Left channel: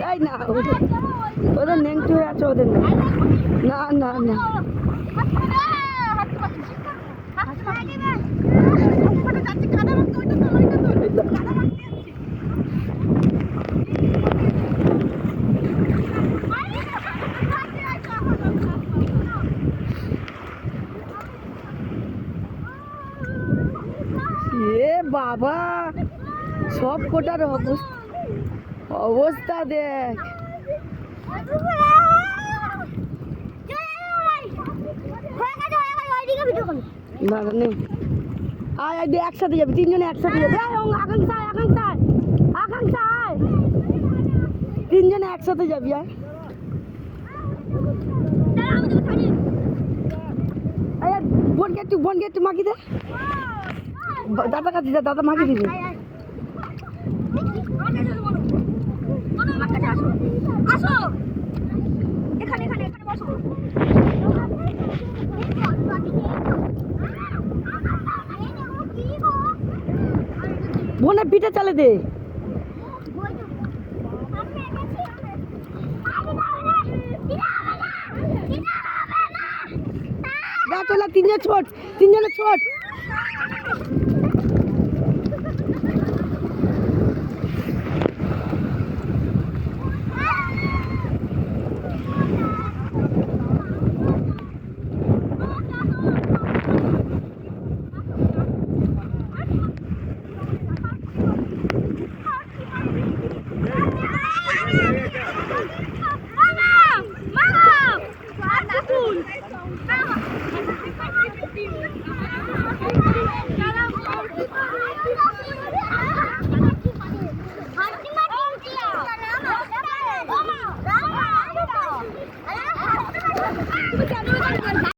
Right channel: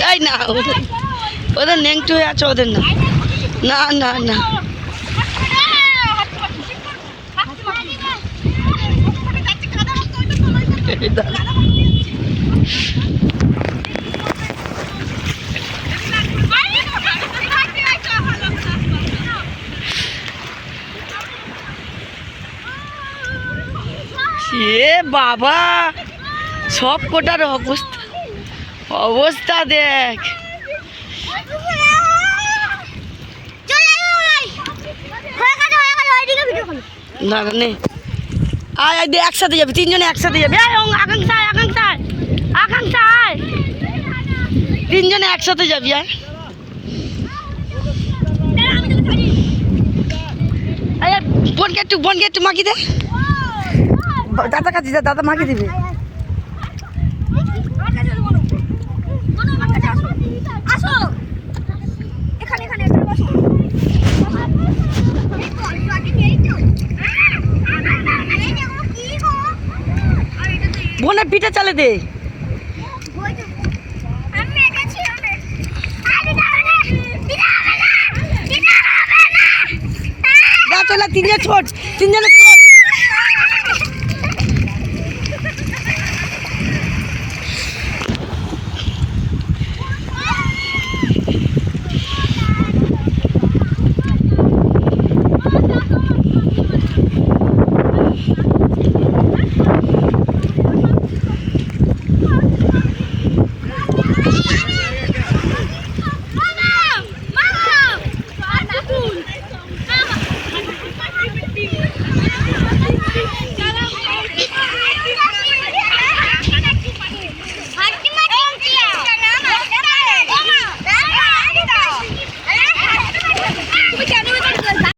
তাই না, ওদের ন্যাংটো হয়ে আছে, ওদের না, না না না। এ বাবা, সব কোটার অবস্থা, অবস্থা দেখ। না না নেই, আয় আয়, একসাথে যাবে, তিনজনে একসাথে যাবে। আকাঙ্ক্ষা আকাঙ্ক্ষা আকাঙ্ক্ষা, আয়, তিনজনে একসাথে যাবি। আয় বোনকে একটু মাখি দে, দাদা কাছে যা, দাদা মাখি দেবে। বোনের পিঠে চালে দে। তিনজনে ছোট, তিনজনে